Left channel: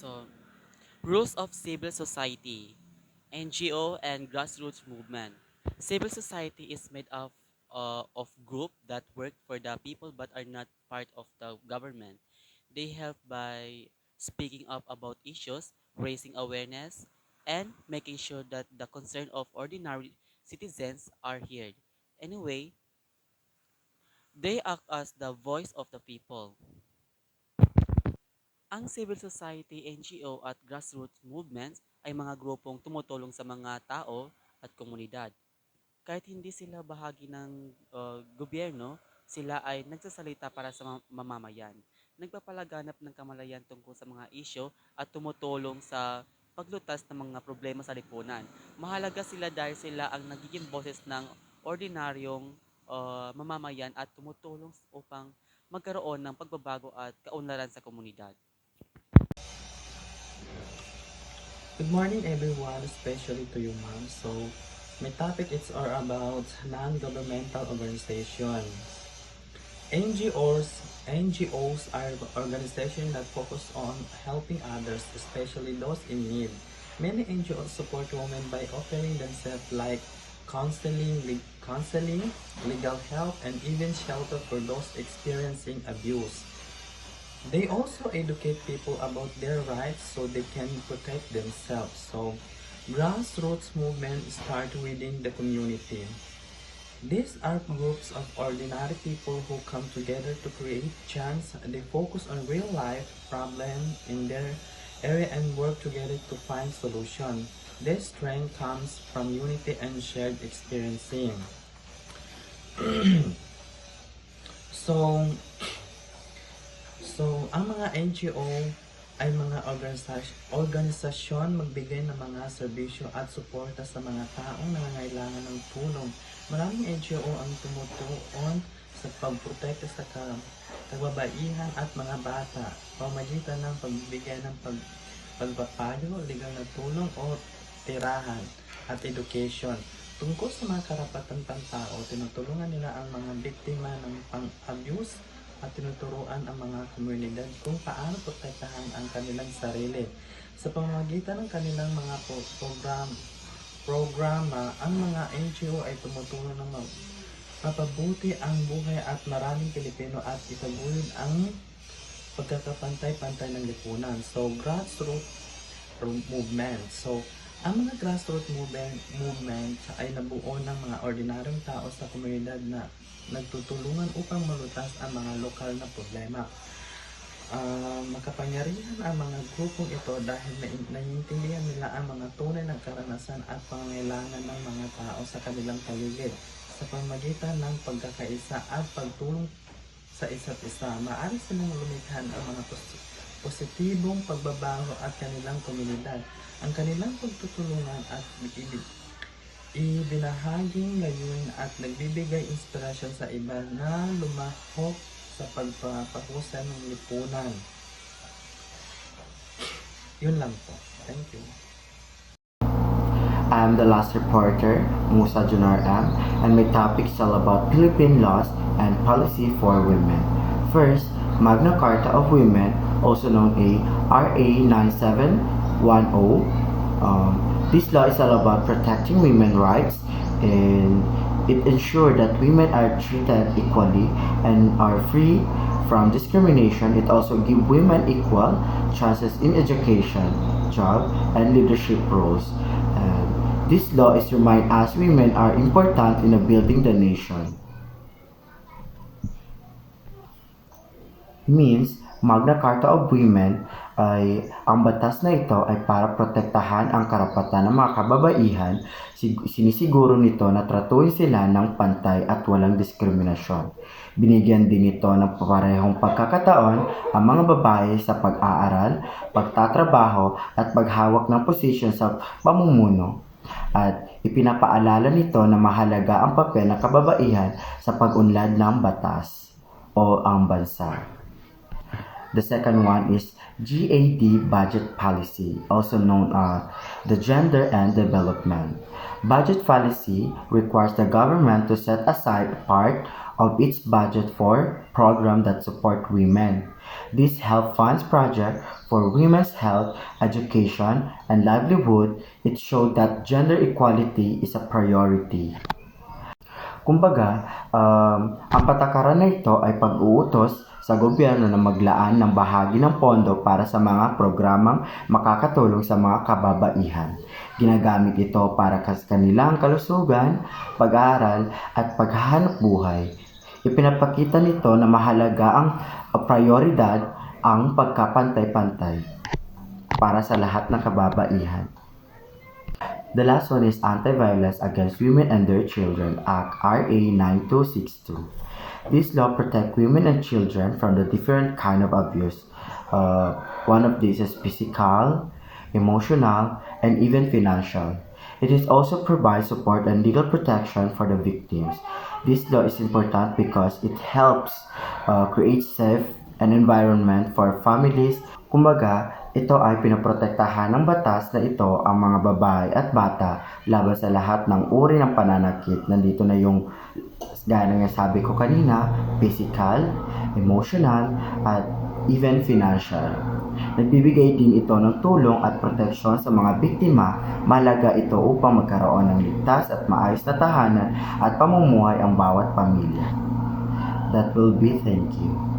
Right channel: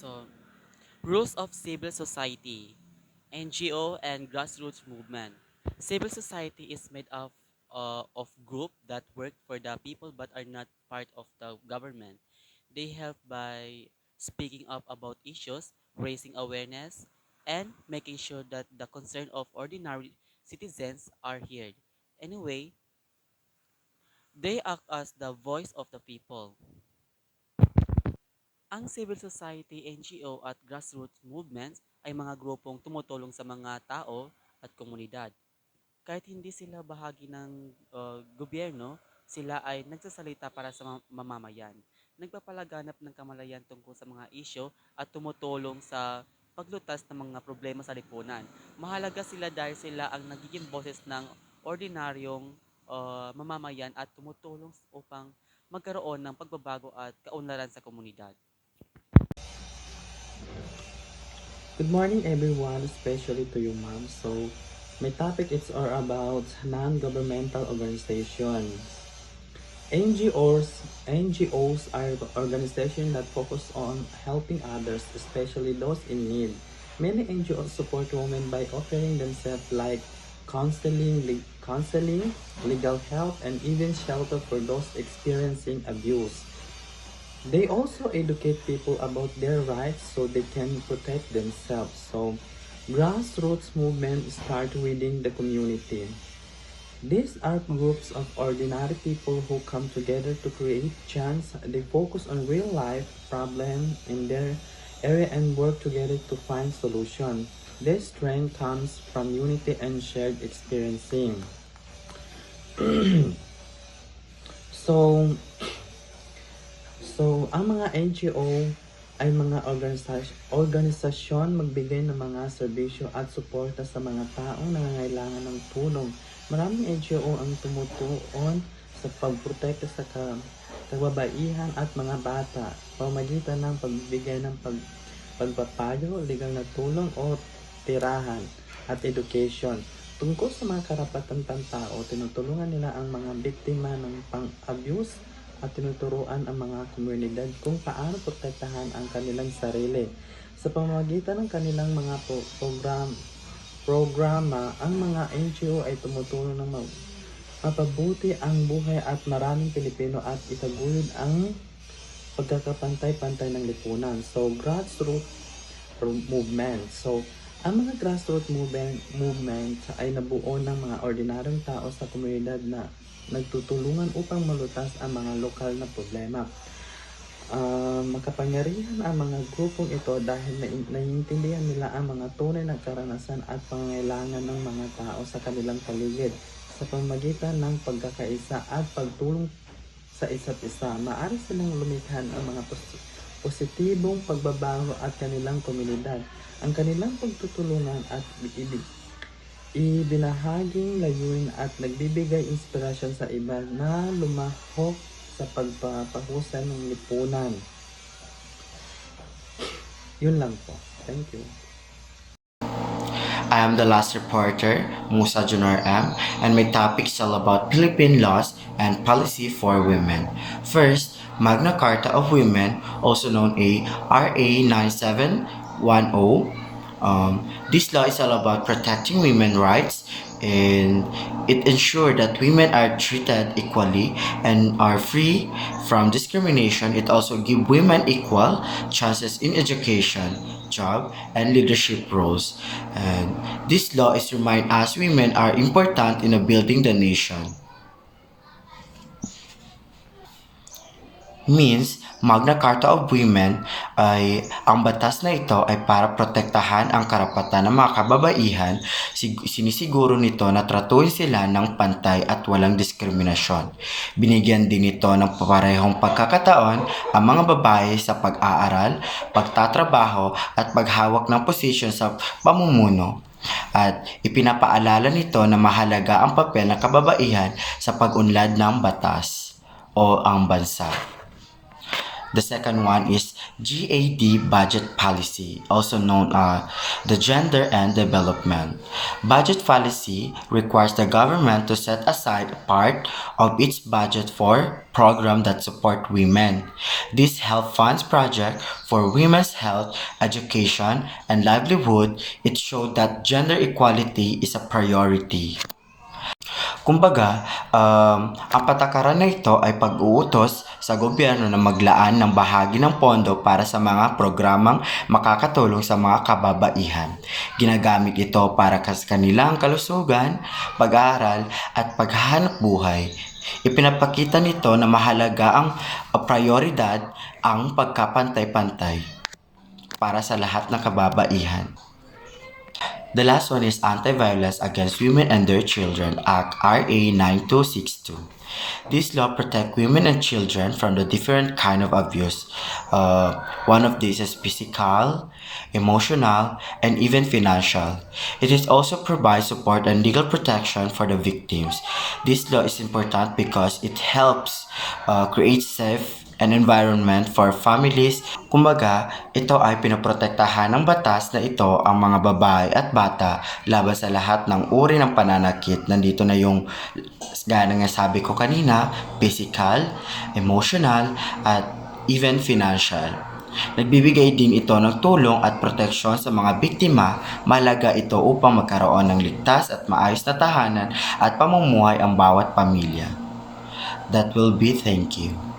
So, rules of civil society, NGO and grassroots movement. Civil society is made of group that work for the people but are not part of the government. They help by speaking up about issues, raising awareness, and making sure that the concern of ordinary citizens are heard. Anyway, they act as the voice of the people. Ang civil society, NGO at grassroots movements ay mga grupong tumutulong sa mga tao at komunidad. Kahit hindi sila bahagi ng gobyerno, sila ay nagsasalita para sa mamamayan. Nagpapalaganap ng kamalayan tungkol sa mga isyo at tumutulong sa paglutas ng mga problema sa lipunan. Mahalaga sila dahil sila ang nagiging boses ng ordinaryong mamamayan at tumutulong upang magkaroon ng pagbabago at kaunlaran sa komunidad. Good morning everyone, especially to you ma'am. So, my topic is all about non-governmental organizations. NGOs are organizations that focus on helping others, especially those in need. Many NGOs support women by offering themselves like counseling, legal help, and even shelter for those experiencing abuse. They also educate people about their rights so they can protect themselves. So, grassroots movement start within the community. These are groups of ordinary people who come together to create change. They focus on real life problems in their area and work together to find solutions. This strength comes from unity and shared experiencing. so, ang mga NGO ay mga organisasyon magbigay ng mga serbisyo at suporta sa mga taong nangangailangan ng tulong. Maraming NGO ang tumutuon sa pagprotekta sa kababaihan at mga bata, pamamagitan ng pagbibigay ng pagpapayo, legal na tulong o tirahan at education. Tungkol sa mga karapatan ng tao, tinutulungan nila ang mga biktima ng pang-abuse at tinuturuan ang mga komunidad kung paano protektahan ang kanilang sarili. Sa pamamagitan ng kanilang mga programa, ang mga NGO ay tumutulong ng mapabuti ang buhay at maraming Pilipino at itaguyod ang pagkakapantay-pantay ng lipunan. So, grassroots movement. So, ang mga grassroots movement ay nabuo ng mga ordinaryong tao sa komunidad na nagtutulungan upang malutas ang mga lokal na problema. Makapangyarihan ang mga grupong ito dahil naiintindihan nila ang mga tunay na karanasan at pangangailangan ng mga tao sa kanilang paligid. Sa pamamagitan ng pagkakaisa at pagtulong sa isa't isa, maaari silang lumikha ang mga positibong pagbabago at kanilang komunidad. Ang kanilang pagtutulungan at ibinahaging layunin at nagbibigay inspirasyon sa iba na lumahok sa pagpapahusay ng lipunan. Yun lang po. Thank you. I am the last reporter, Musa Junor M, and my topic is all about Philippine laws and policy for women. First, Magna Carta of Women, also known as RA 9710. This law is all about protecting women's rights, and it ensures that women are treated equally and are free from discrimination. It also gives women equal chances in education, job, and leadership roles. And this law is remind us women are important in building the nation. Means Magna Carta of Women ay ang batas na ito ay para protektahan ang karapatan ng mga kababaihan. Sinisiguro nito na tratuhin sila ng pantay at walang diskriminasyon. Binigyan din ito ng parehong pagkakataon ang mga babae sa pag-aaral, pagtatrabaho at paghawak ng posisyon sa pamumuno. At ipinapaalala nito na mahalaga ang papel ng kababaihan sa pag-unlad ng batas o ang bansa. The second one is GAD budget policy, also known as the gender and development. Budget policy requires the government to set aside a part of its budget for programs that support women. This help funds projects for women's health, education, and livelihood. It showed that gender equality is a priority. Kumbaga, ang patakaran na ito ay pag-uutos sa gobyerno na maglaan ng bahagi ng pondo para sa mga programang makakatulong sa mga kababaihan. Ginagamit ito para sa kanilang kalusugan, pag-aaral at paghahanap buhay. Ipinapakita nito na mahalaga ang prioridad ang pagkapantay-pantay para sa lahat ng kababaihan. The last one is Anti-Violence Against Women and Their Children Act RA 9262. This law protects women and children from the different kind of abuse. One of these is physical, emotional, and even financial. It is also provides support and legal protection for the victims. This law is important because it helps create safe an environment for families. Kumbaga, ito ay pinoprotektahan ng batas na ito ang mga babae at bata laban sa lahat ng uri ng pananakit. Nandito na yung, gaya nga sabi ko kanina, physical, emotional, at even financial. Nagbibigay din ito ng tulong at proteksyon sa mga biktima. Mahalaga ito upang magkaroon ng ligtas at maayos na tahanan at pamumuhay ang bawat pamilya. That will be thank you.